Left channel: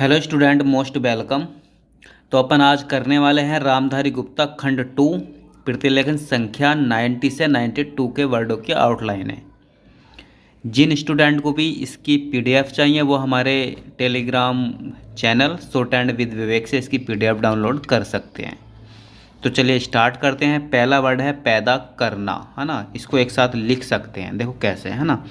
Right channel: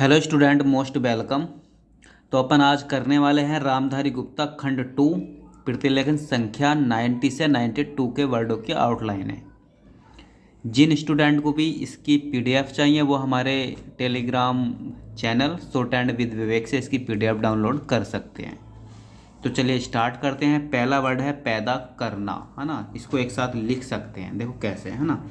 Hello student, most welcome. तो अपन आज करने वाले हैं रामधारी गुप्ता खंड 2 प्रतिलेखन संख्या 90 से 92 के वर्डों की आउटलाइन है। जिन स्टूडेंट को भी इसकी पीडीएफ चाहिए वो हमारे telegram channel short and with Vivek से इसकी पीडीएफ डाउनलोड कर सकते हैं। तो चलिए स्टार्ट करते हैं। पहला वर्ड है पैदा करना, है ना। इसको एक साथ लिख सकते हैं, देखो कैसे, है ना।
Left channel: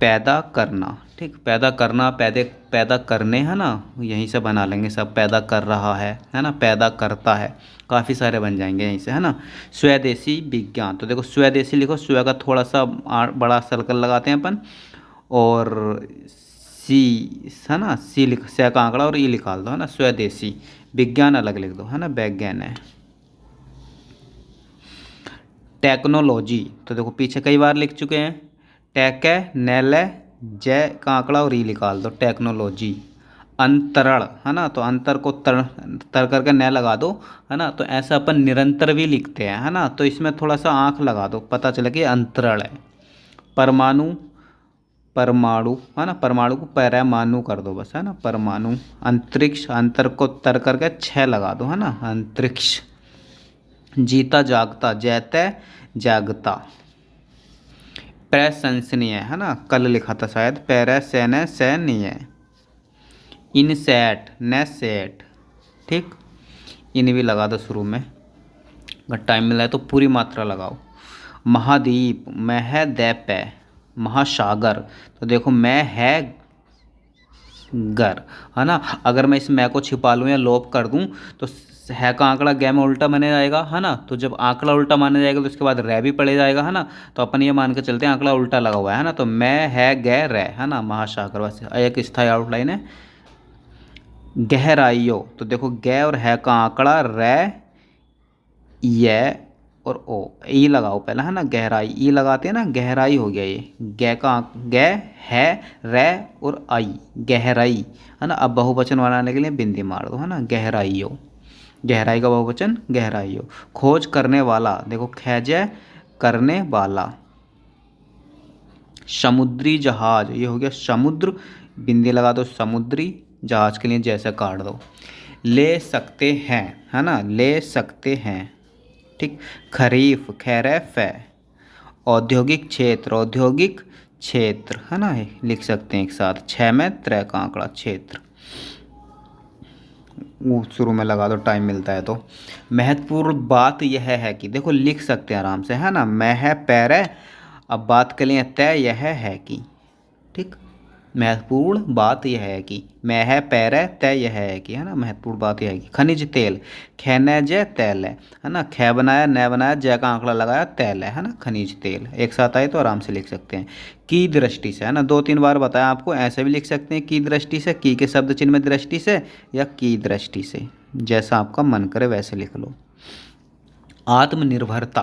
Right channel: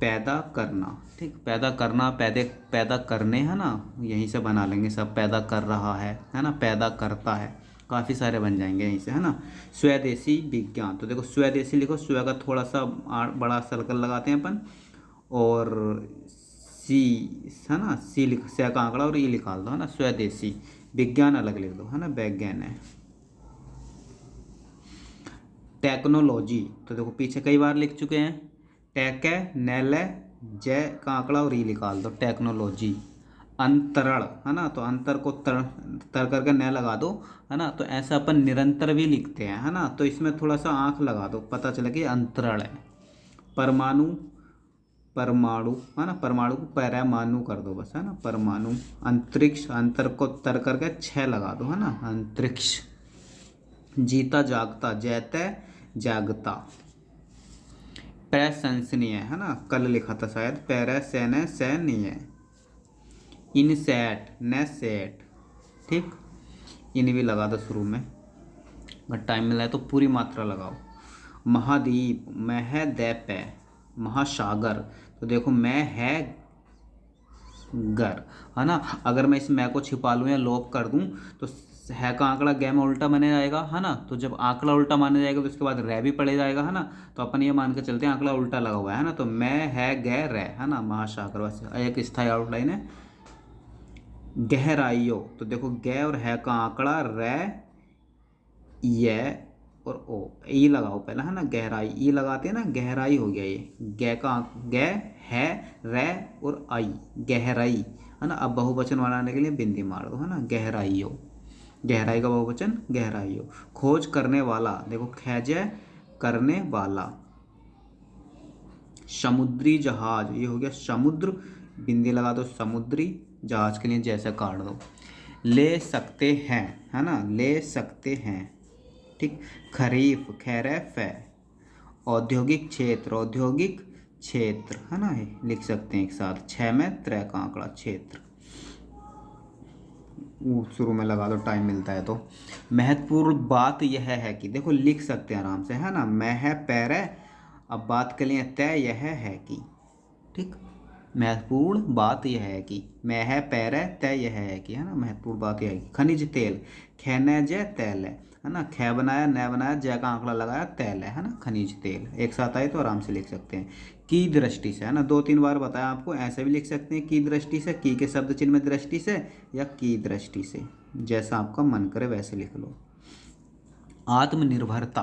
पैदा करना, ठीक। पैदा करना, पैदा करने, है ना। यहीं से बना लेंगे सब। पैदा कर रहा है ना। पैदा करता है, काफ़ी सारे बन जाएंगे यहीं से, है ना। स्वदेशी विज्ञान, तो देखो स्वदेशी लिखो, स्व का थोड़ा सा बड़ा सर्कल लगाते हैं अपन, और सी, है ना। सी लिख, स का आंकड़ा और ई निकाल दो, है ना। स्वदेशी विज्ञान अलग लिख दो, है ना। वैज्ञान है। टेक्नोलॉजी, तो देखो पीछे कई बार लिख चुके हैं। टेक है, नेल है, जय का आंकड़ा और ई निकाल दो, टेक्नोलॉजी। अंतरण, है ना। तो अंतर को तर करके न लगा दो, है ना। तो ऐसा अपन निरंतर भी लिखते हैं, है ना। तो इसमें थोड़ा सा आंख लगा दो, पता चले कि अंतरण है। परमाणु, परमाणु, है ना। परमाणु को परमाणु कर दो बस, है ना। परमाणु। अंतरिक्ष, अंतर को तर करके छः लगा दो, है ना। अंतरिक्ष। जीता जागता, जैते जागता। प्रशंसनीय, है ना। कल लिखा था शायद। पैरासैनसनीय। इनसेट, नेसेट, ठीक। इन भी लगा दो शुरू में, अगर टाइम मिला है तो पूरी मात्रा लगाओ। महाद्वीप, महदैप है। महासागर, तो देखो मैं है गर, है ना। अगर मैं इस मैं को छिपा लूँ या लोप कर दूँ तो है का आंकड़ा गै में उल्टा माने जाएगा, है ना। तो जब आंकड़ा उल्टा माना जाएगा तो उसके बाद रै भी पड़े जाएगा, है ना। तो अपन ये मान के चलते हैं आंकड़ा उल्टा लगा हुआ है ना। तो मैं है गै रै, है ना। महासागर, वैसे एक स्थायी आउटलाइन है। गहराइयों, तो देखो गै और है का आंकड़ा रै, ये और ओ, ई लगाओ पहले, है ना। गहराई, ई लगाते हैं ना, गहराई हो गया ये। गै का गै है, रै और आई, गहराई, है ना। अब बहुवचन बनाने के लिए बिंदी मार दो, है ना। गहराइयों, गहराई का बहुवचन गहराइयों। खोज करने वाला, देखो खैजे करने वाला। समुद्री जहाज, ये हो गया समुद्र, बिंदी लगा दो, समुद्री। जहाज के लिए जैसे काट दो। ले सकते हैं, है ना। ले सकते हैं, ठीक। खरीफ, खैरफ है। औद्योगिक क्षेत्र, औद्योगिक क्षेत्र, है ना। लिख सकते हैं एक साथ, छः में त्रै का आंकड़ा, क्षेत्र। वो शुरू में लगा दो, टाइम मिलता है तो। महत्वपूर्ण बात यह है कि, देखो लिख सकते हैं आराम से, है ना। मैं है पैर, अब बात के लिए तय यह है कि, ठीक। महत्वपूर्ण बात यह है कि, मैं है पैर तय यह है कि, है ना। महत्वपूर्ण बात यह है कि। खनिज तेल, खैनज तैल है ना। खे बनाया, न बनाया, जय का आंकड़ा लगाया, तैल है ना। खनिज तेल एक साथ आए तो आराम से लिख सकते हैं। की दृष्टि से, है ना। दो तीन बार बताया आपको, ऐसे भी लिख सकते हैं की दृष्टि से, की के शब्द चिन्ह में दृष्टि से, या की दृष्टि से, जैसा आपका मन करे वैसे लिख लो। आत्मनिर्भरता,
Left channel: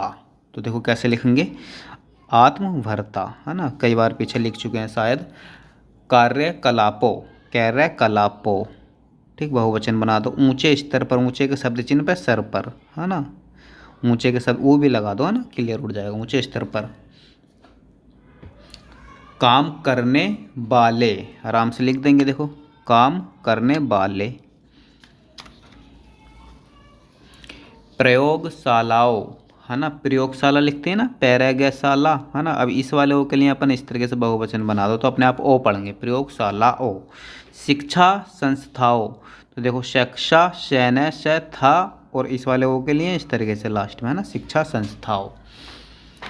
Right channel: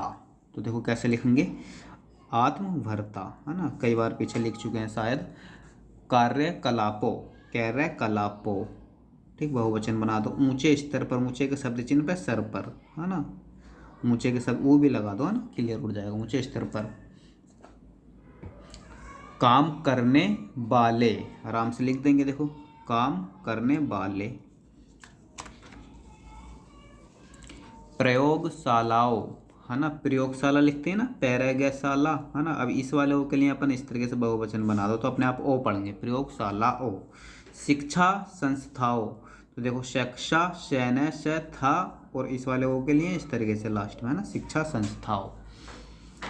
तो देखो कैसे लिखेंगे, आत्मभरता, है ना। कई बार पीछे लिख चुके हैं शायद। कार्यकलापों, कार्यकलापों, ठीक। बहुवचन बना दो। ऊंचे स्तर पर, ऊंचे के शब्द चिन्ह पर सर पर, है ना। ऊंचे के शब्द वो भी लगा दो, है ना। क्लियर उड़ जाएगा, ऊंचे स्तर पर। काम करने वाले, आराम से लिख देंगे, देखो काम करने वाले। प्रयोगशालाओं, है ना। प्रयोगशाला लिखते हैं ना, पैरागशाला, है ना। अब इस वाले ओ के लिए अपन इस तरीके से बहुवचन बना दो तो अपने आप ओ पढ़ेंगे, प्रयोगशालाओं। शिक्षा संस्थाओं, तो देखो शिक्षा, शैन से था, और इस वाले ओ के लिए इस तरीके से लास्ट में, है ना। शिक्षा संस्थाओं।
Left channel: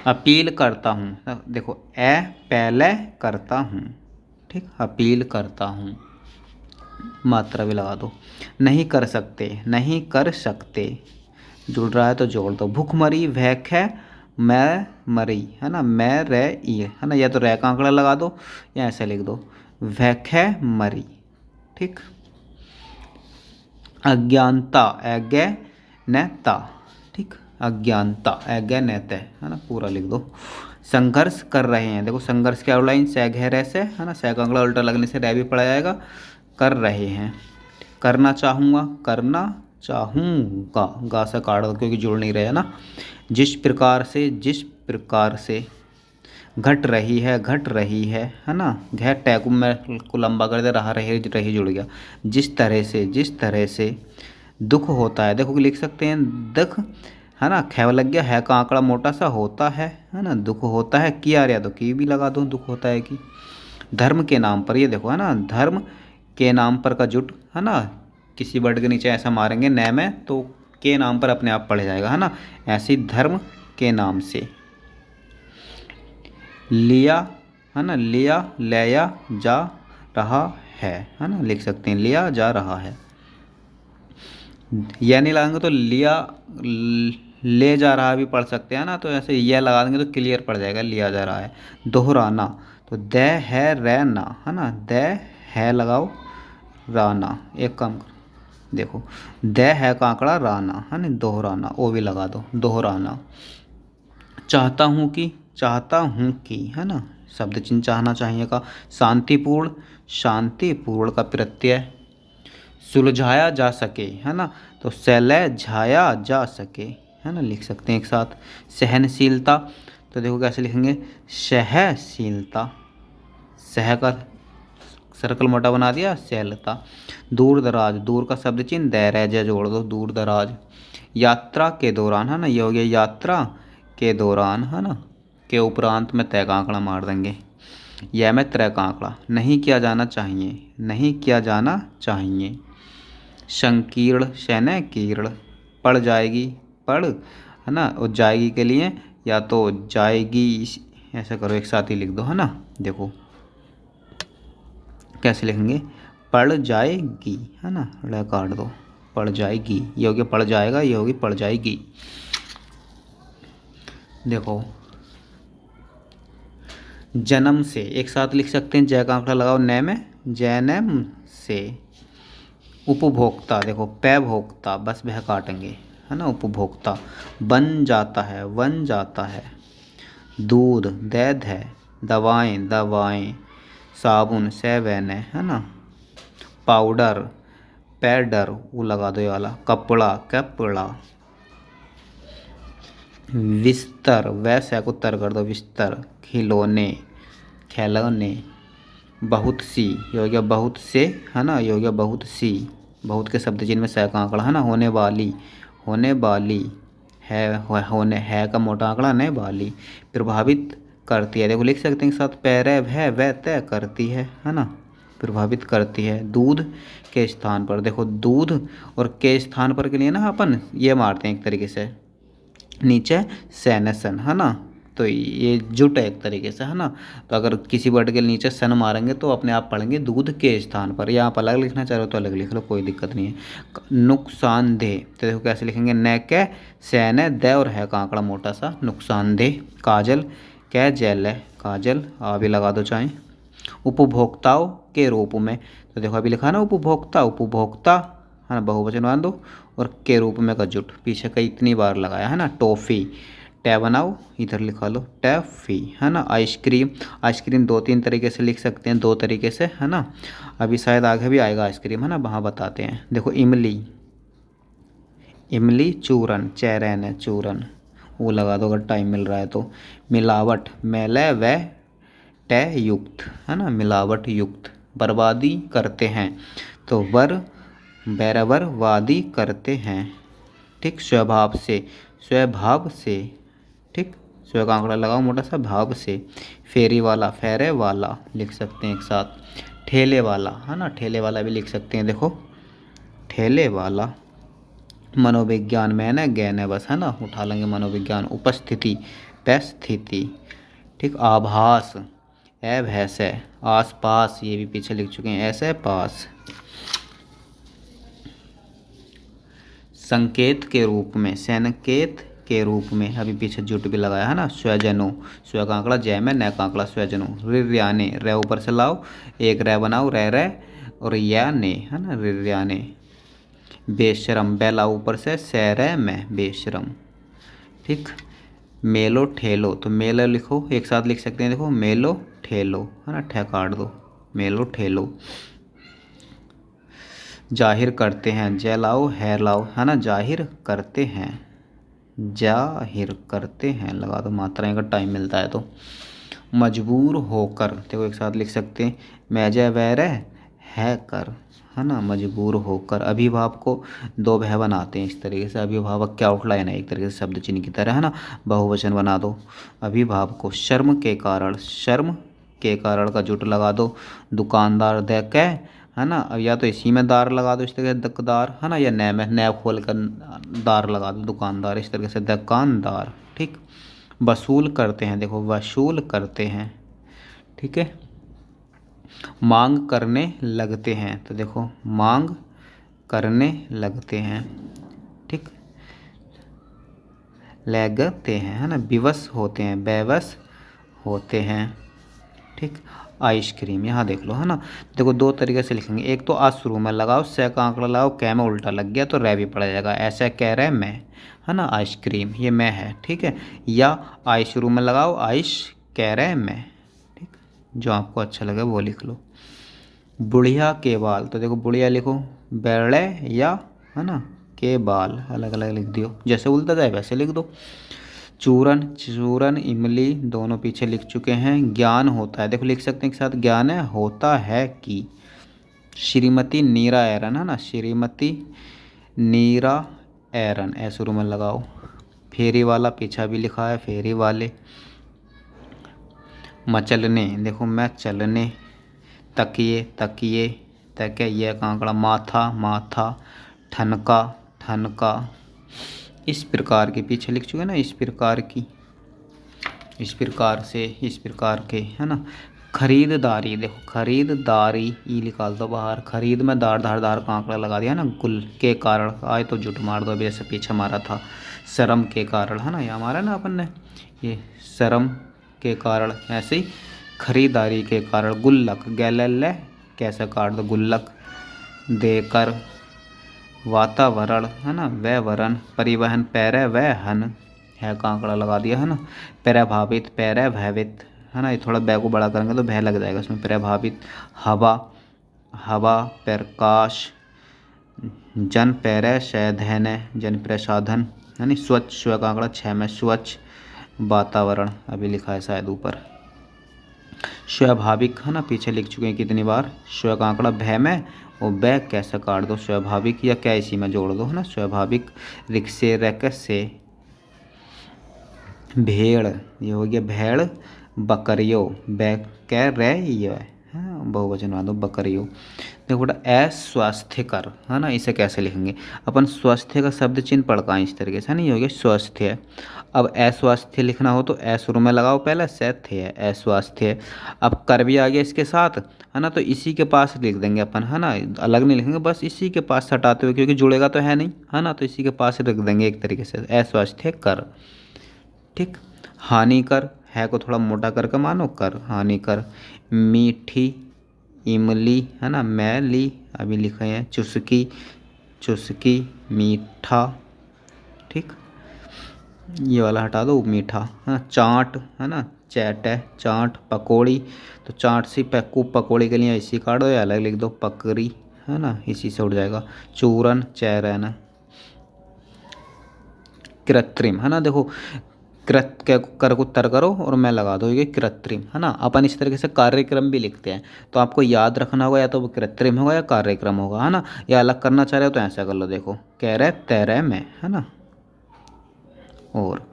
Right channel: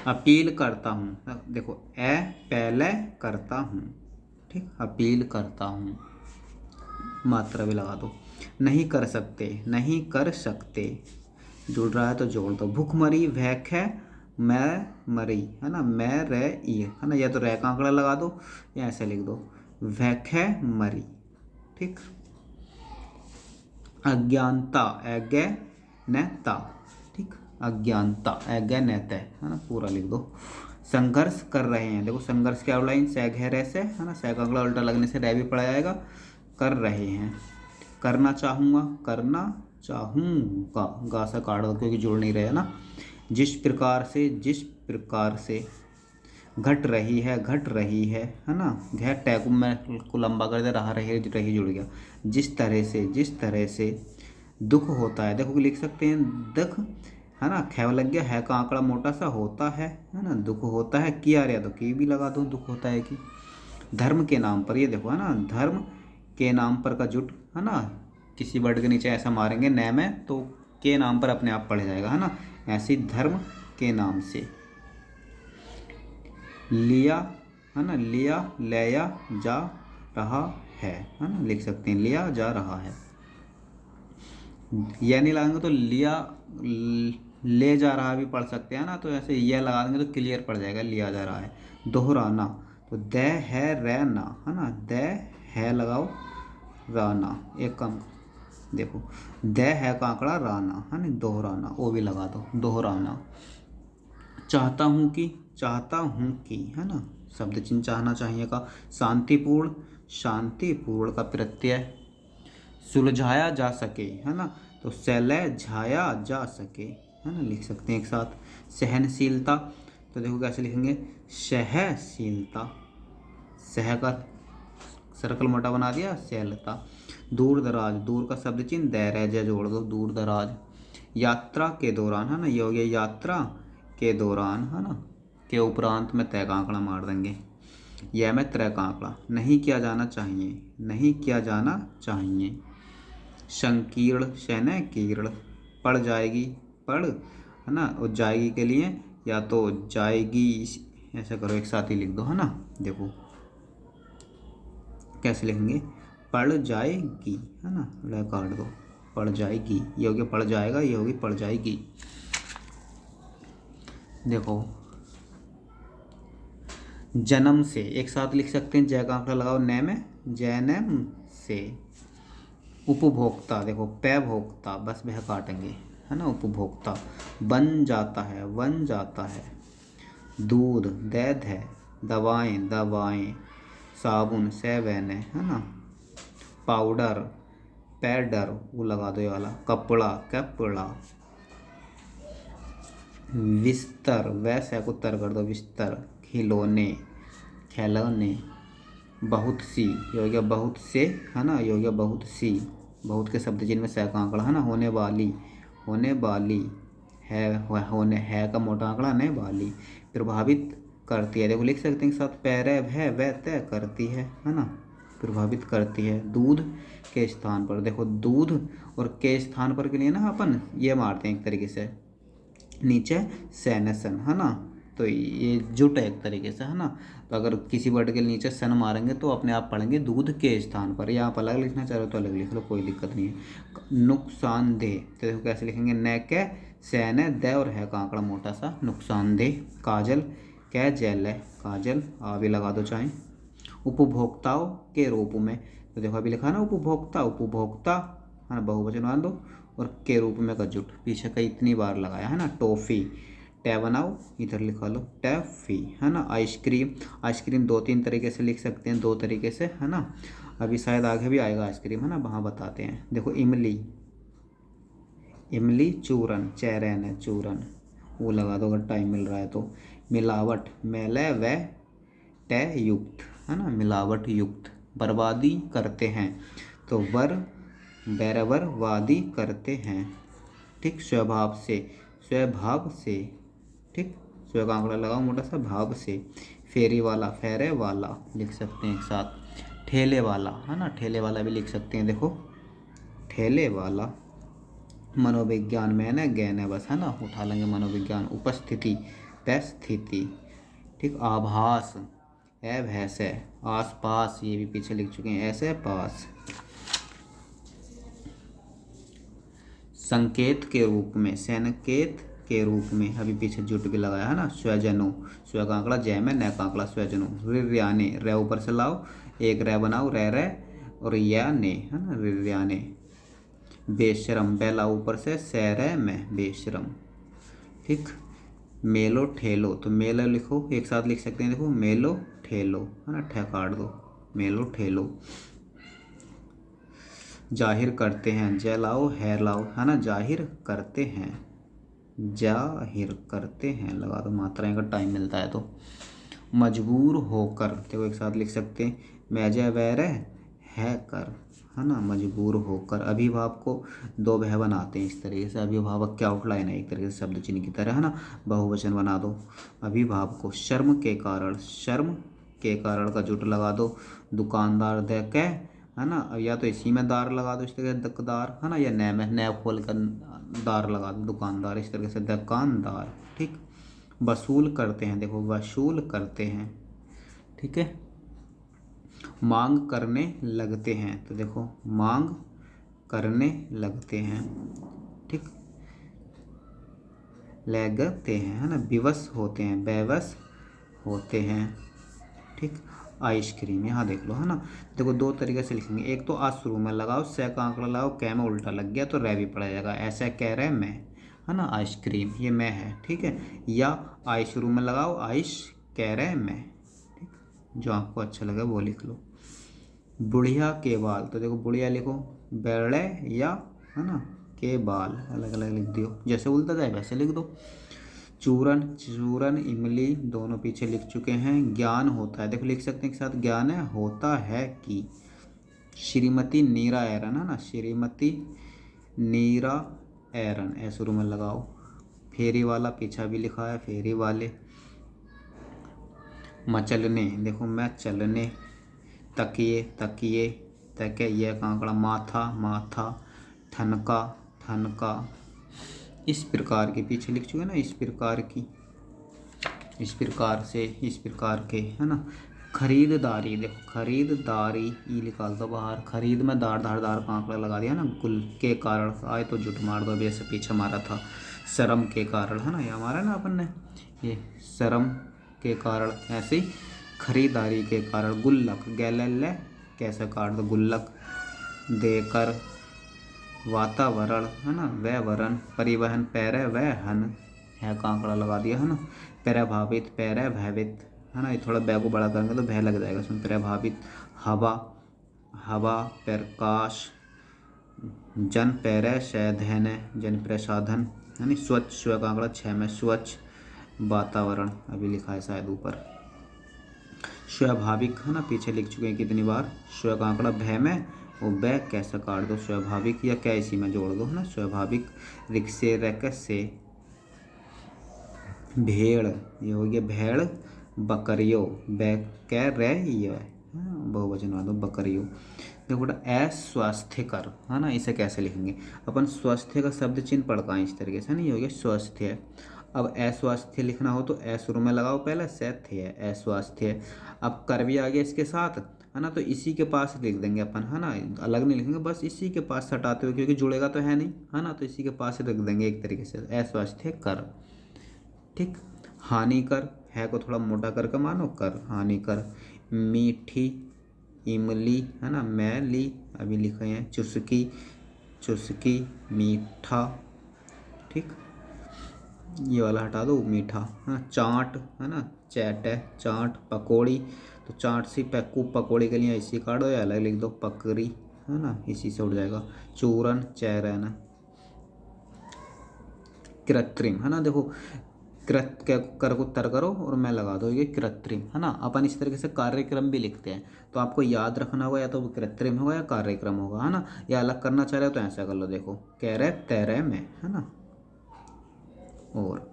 अपील करता हूँ, देखो ए पहले करता हूँ, ठीक। अपील करता हूँ, मात्रा भी लगा दो। नहीं कर सकते, नहीं कर सकते, जुड़ रहा है तो जोड़ दो। भूखमरी, भैख है, मैं मरी, है ना। मैं रे ई, है ना। या तो रे का आंकड़ा लगा दो या ऐसे लिख दो, भैख है मरी, ठीक। अज्ञानता, अज्ञानता, ठीक। अज्ञानता, अज्ञानता, है ना। पूरा लिख दो। संघर्ष कर रहे हैं, देखो संघर्ष की आउटलाइन से घेरे से, है ना। सै का आंकड़ा उल्टा लगने से रै भी पड़ा जाएगा। कर रहे हैं। करना चाहूँगा, करना चाहूँगा, गा से काट दो क्योंकि जुड़ नहीं रहे, है ना। जिस प्रकार से, जिस प्रकार से। घट रही है ना। घ टैकू में को लंबा कर दे, रहा रही जुड़ गया। जिस तरह से दुख होता है, देखो लिख सकते हैं दुख, है ना। खैव लग गया, है का आंकड़ा मोटा सा होता है ना। दुख होता है, की आ रहा तो की भी लगा दो, दुख होता है की। धर्म के नाम पर, ये देखो है ना, धर्म के नाम पर का जुट, है ना। किसी वर्ड के नीचे ऐसा मारेंगे न में तो के नाम पर अपने आप पड़ जाएगा, है ना। ऐसे ही धर्म के नाम से लिया, है ना, लिया लिया जा रहा है ना। लिख सकते हैं लिया जा रहा है। यह नहीं लगाएंगे तो लिया ले जा रहा भी पढ़ सकते हैं ना। तो ऐसे यह लगा देंगे तो क्लियर पड़ जाएगा, लिया जा रहा है। दोहराना, तो द है रे ना, है ना। द है लगाओ, राना, एक काम देखो, द है का आंकड़ा राना, है ना। दोहराना, ओ भी लगा दो, दोहराना। चाहता हूँ कि, है ना। शब्द चिन्ह चाहना चाहिए का। शांतिपूर्ण, शांतिपूर्ण का प्रत्यय। सुलझाया जा सके, है ना। तो सुलझाया जा सके, है ना। लिख सकते हैं एक साथ। सहनशीलता, तो देखो कैसे लिखेंगे, सहशीलता। सह का सर्कल मोटा बना दिया, सहलता। दूर दराज, दूर का शब्द चिन्ह दैरज जोड़ दो, दूर दराज। यात्रा के दौरान, है ना। ये हो गया यात्रा के दौरान, है ना। के उपरांत में तय का आंकड़ा मार देंगे, यह में त्रय का आंकड़ा। नहीं किया जाना चाहिए, नहीं किया जाना चाहिए। संकीर्ण, शैनकीर्ण। पड़ जाएगी, पड़, है ना। और जाएगी के लिए या तो जाएगी, ऐसा करो एक साथ ही लिख दो, है ना। देखो कैसे लिखेंगे, पड़ जाएगी, है ना। ड़ काट दो, पड़ जाएगी। ये हो गया पड़ जाएगा, ये होगी पड़ जाएगी। देखो जन्म से, एक साथ लिख सकते हैं, जय का आंकड़ा लगाओ न में, जैनम से। उपभोक्ता, देखो पै भोक्ता, बस वह काटेंगे, है ना। उपभोक्ता। बन जाता है, बन जाता है। दूध, दैध है। दवाएं, दवाएं। साबुन, सेवन है ना। पाउडर, पैडर, वो लगा दो ये वाला। कपड़ा, कपड़ा। बिस्तर, वैसे को तर कर दो, बिस्तर। खिलौने, खिलौने। बहुत सी, ये हो गया बहुत से, है ना। ये हो गया बहुत सी। बहुत के शब्द चिन्ह में सै का आंकड़ा, है ना। होने वाली, होने वाली। होने है का मोटा आंकड़ा, ने वाली। प्रभावित करती है, देखो लिख सकते हैं साथ, पैरे है वह तय करती है ना। प्रभावित करती है। दूध के स्थान पर, देखो दूध और के स्थान पर के लिए ना अपन ये मारते हैं एक तरीके से, नीचे सैनसन, है ना। तो ये जुट है एक तरीके से, है ना। तो अगर किसी वर्ड के नीचे सन मारेंगे तो अपने आप पढ़ेंगे दूध के स्थान पर, या आप अलग लिखना चाह रहे हो तो अलग लिख लो, कोई दिक्कत नहीं है। नुकसानदेह, तो देखो कैसे लिखेंगे, न कै सैन दे और है का आंकड़ा मोटा सा, नुकसानदेह। काजल, कै जैल है, काजल, आ भी लगा दो चाहे। उपभोक्ताओं के रूप में, तो देखो अभी लिखा ना उपभोक्ता, उपभोक्ता, है ना, बहुवचन मान दो। और के रूप में का जुट पीछे का इतनी बार लगाया, है ना। टॉफ़ी, टै बनाओ, इधर लिखा लो टैफ़ी, है ना। आइसक्रीम, आइसक्रीम दो तीन तरीके से लिख सकते हैं, दो तरीके से, है ना। अभी शायद आगे भी आएगा आइसक्रीम, है ना, वहाँ बताते हैं। देखो इमली, इमली। चूरन, चैरन है, चूरन, वो लगा दो अगर टाइम मिल रहा है तो। मिलावट, मेले व टय युक्त, है ना। मिलावट युक्त। बर्बादी करते हैं, तो वर बैरवर वादी करते हैं, ठीक। स्वभाव से, स्वभाव से, ठीक। स्व का आंकड़ा लगाओ मोटा सा, भाव से। फेरी वाला, फेरे वाला लिख सकते हैं एक साथ। ठेले वाला, है ना, ठेले वाला भी लिख सकते हैं, देखो ठेले वाला। मनोविज्ञान, मैंने ज्ञान है बस, है ना, उठा लेंगे मनोविज्ञान। उपस्थिति, परिस्थिति, ठीक। आभास, ए भैंस है। आस पास, ये भी पीछे लिख चुके हैं, ऐसे पास। संकेत के रूप में, संकेत के रूप में, अभी पीछे जुट भी लगाया, है ना। स्वजनों, स्व का आंकड़ा जय में, न का आंकड़ा स्वजनों। रिर्याने, रे ऊपर से लाओ, एक रे बनाओ, रे और या ने, है ना, रिर्याने। बेशरम, बेला ऊपर से, सैरे में, बेशरम, ठीक। मेलो ठेलो, तो मेलो लिखो एक साथ लिख सकते हैं, देखो मेलो ठेलो, है ना, ठे काट दो, मेलो ठेलो। जाहिर करते हैं, जय लाओ है लाओ, है ना। जाहिर करते हैं, जाहिर करते हैं लगा दो, मात्राएं का टाइम मिलता है तो। मजबूर होकर, देखो एक साथ लिख सकते हैं, मैजे वैर है कर, है ना, मजबूर होकर। अभिभाव को दो भय बनाते हैं इस तरीके से, अभिभावक क्या आउटलाइन है एक तरीके से शब्द चिन्ह की तरह, है ना, बहुवचन बना दो अभिभाव को। शर्म के कारण, शर्म के कारण का जुट लगा दो। दुकानदार दे के, है ना, अब या तो इसी में दार लगा दो इस तरीके से दुकदार, है ना, या नए में नए खोल कर दार लगा दो दुकानदार, इस तरीके से दुकानदार। ठीक, वसूल करते हैं, देखो वसूल करते हैं। ठीक है, मांग करने लगते हैं, तो देखो मांग करने लगते हैं। ठीक, लगते हैं, है ना, विवश होते हैं, बेवश होते हैं। ठीक, आइसक्रीम यहाँ देख लो, है ना, देखो दो तरीके से लिखेंगे, एक तो आ शुरू में लगाओ, से का आंकड़ा लगाओ, कै में उल्टा लग गया तो रै भी पड़ जाएगा, ऐसा कह रहे मैं, है ना, आइसक्रीम ये मैं है। ठीक है, या आई शुरू में लगाओ, आइस कह रहे मैं। ठीक, जो आपको अच्छा लगे वो लिख लो। बुढ़िया के बाल, तो देखो बुढ़िया लिखो बेड़े या, है ना, के बाल अलग अलग लिख दियो, जैसे उल्टा जाए वैसे लिख दो। चूरन, चूरन इमली दोनों पीछे लिख चुके हैं। ज्ञान होता है, देखो लिख सकते हैं एक साथ, ज्ञान है होता है कि। श्रीमती नीरा एरन, है ना, श्रीमती नीरा एरन, ऐ शुरू में लगाओ। फेरी वाला पीछा भी लिखा है, फेरी वाले। मचलने, देखो मैं चलने। तकिए, तकिए, तकिए यह का आंकड़ा, माथा, माथा। ठनका, ठनका, इस प्रकार के पीछे लिख चुके ना, इस प्रकार की, इस प्रकार से, इस प्रकार के, है ना। खरीददारी, देखो खरीददारी ई निकाल दो बाहर। खरीद में दार धार धार का आंकड़ा लगा दिया ना, गुल के कारण आए तो जुट मार दो, जैसे पीछे मारा था। शर्म के कारण, है ना, ये हमारा ना अपन ने, ये शर्म के कारण, ऐसे ही खरीदारी के कारण। गुल्लक, गैलल्ले कैसे काट दो, गुल्लक। देकर, वातावरण, है ना, वह वरण। परिवहन, पैरे वह हन, है का आंकड़ा लगा दिया, है ना। प्रभावित, पैरे भयभीत, है ना, ये थोड़ा बै को बड़ा करेंगे तो भय लग जाएगा इसमें। प्रभावित। हवा, हवा। प्रकाश, जन पैरे सैधन, जन प्रसाधन, यानी स्वच्छ, स्व का आंकड़ा 6 में, स्वच्छ। वातावरण अभी लिखा है शायद ऊपर। स्वाभाविक, है ना, पीछे लिख चुके हैं कितनी बार। स्व का आंकड़ा भय में, और बै कैसे काट दो, स्वाभाविक, या क्या इसी में जोड़ दो, है ना, स्वाभाविक। रिक्शे, रैक से। भेड़, ये हो गया भेड़। बकरियो, बै कै रे ये, हाँ बहुवचन बना दो बकरियो। देखो बेटा अस्वास्थ्यकर, है ना, इसे कैसे लिखेंगे अपन, स्वास्थ्य का शब्द चिन्ह पढ़का इस तरीके से, है ना, ये हो गया स्वास्थ्य। अब अस्वास्थ्य लिखना हो तो ए शुरू में लगाओ पहले, सैथ्य है, अस्वास्थ्य। अब कर भी आ गया इसके साथ, है ना, तो इसी के पास लिख देंगे अपन, है ना, अलग नहीं लिखेंगे, बस इसी के पास हटाते हुए, क्योंकि जुड़ेगा तो है नहीं, है ना, तो इसी के पास ही रख देंगे एक तरीके से, अस्वास्थ्य कर। ठीक, हानिकर, है को थोड़ा मोटा करके मानो कर, हानिकर। मीठी इमली, है ना, मैली अभी लिखे हैं। चुस्की, चुस्की, मीठा। ठीक, ये वाला हटा दो, मीठा। हाँ, चाट, है ना, चैट है, चाट। पकौड़ी, तो चाट से पैकू, पकौड़ी के लिए इसी काट दो या अलग लिख दो, पकड़ी, है ना, इसी से उठ जाएगा। चूरन, चैरन। कृत्रिम, है ना, देखो कृत के कर को तर करो और मैं लगा दो, ये कृत्रिम, है ना। अपन इस तरीके से कार्यक्रम भी लिखते हैं, तो आपको याद रखना होगा, या तो वो कृत्रिम होगा या कार्यक्रम होगा, है ना, या अलग करना चाह रहे हो तो ऐसा कर लो, देखो कह रहे तैरे में, है ना। और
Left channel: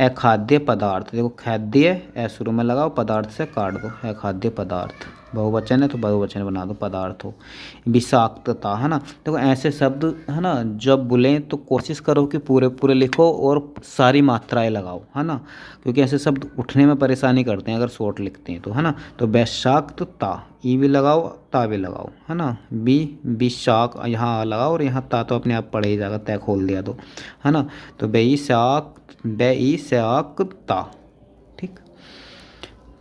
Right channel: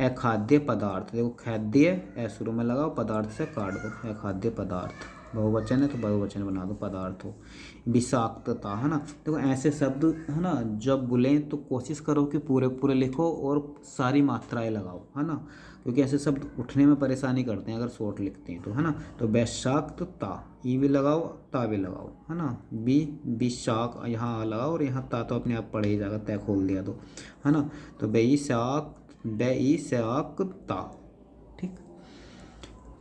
अखाद्य पदार्थ, देखो खाद्य ए शुरू में लगाओ, पदार्थ से काट दो, अखाद्य पदार्थ। बहुवचन है तो बहुवचन बना दो, पदार्थ हो। विषाक्तता, है ना, देखो ऐसे शब्द, है ना, जब बोलें तो कोशिश करो कि पूरे पूरे लिखो और सारी मात्राएं लगाओ, है ना, क्योंकि ऐसे शब्द उठने में परेशानी करते हैं अगर शॉर्ट लिखते हैं तो, है ना। तो विषाक्तता, ई भी लगाओ, ता भी लगाओ, है ना। विशाक, यहाँ आ लगाओ और यहाँ ता तो अपने आप पढ़े ही जाएगा, तय खोल दिया तो, है ना। तो बेईसाकता। ठीक,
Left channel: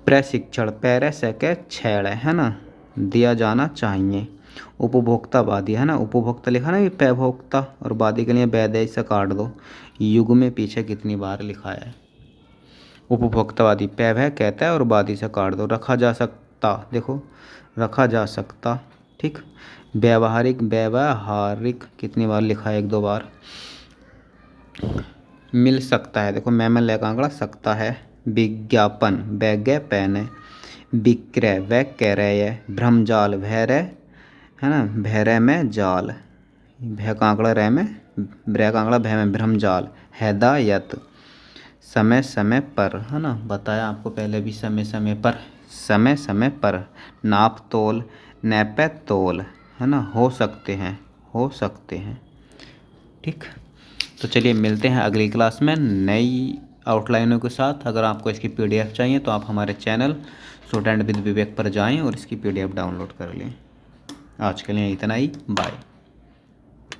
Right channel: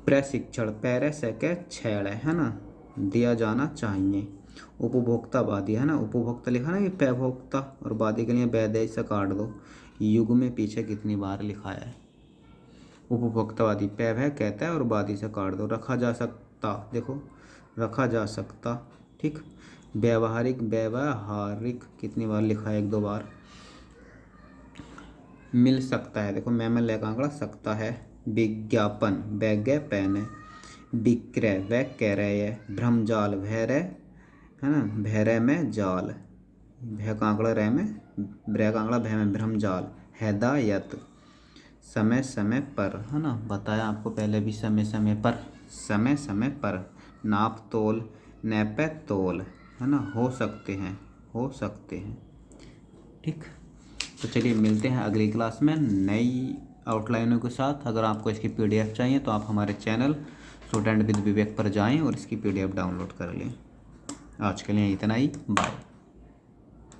प्रशिक्षण, पैरे सके छेड़, है ना, दिया जाना चाहिए। उपभोक्तावादी, है ना, उपभोक्ता लिखा ना, ये पैभोक्ता, और वादी के लिए वैदय से काट दो। युग में पीछे कितनी बार लिखा है, उपभोक्तावादी पैभय कहता है और वादी से काट दो। रखा जा सकता, देखो रखा जा सकता। ठीक, व्यवहारिक, व्यवहारिक कितनी बार लिखा है, एक दो बार। मिल सकता है, देखो मैं ले का आंकड़ा सकता है, विज्ञापन वैज्ञ पैन है, विक्रय वह कह रहे है, भ्रमजाल भैरय है ना, भैरय में जाल, भय कांकड़ा रह में, ब्रह कांकड़ा भय में भ्रमजाल, हैदायत समय समय पर है ना, बताया आपको पहले भी समय समय पर, समय समय पर, नाप तोल नैपे तोल है ना, हो सकते हैं, हो सकते हैं। ठीक, तो चलिए मिलते हैं अगली क्लास में नई आउटलाइनों के साथ। अगर आपको इसकी पीडीएफ चाहिए तो आप हमारे चैनल स्टूडेंट विद विवेक पर जाएं और इसकी पीडीएफ डाउनलोड कर लें। आज के लिए इतना ही, बाय।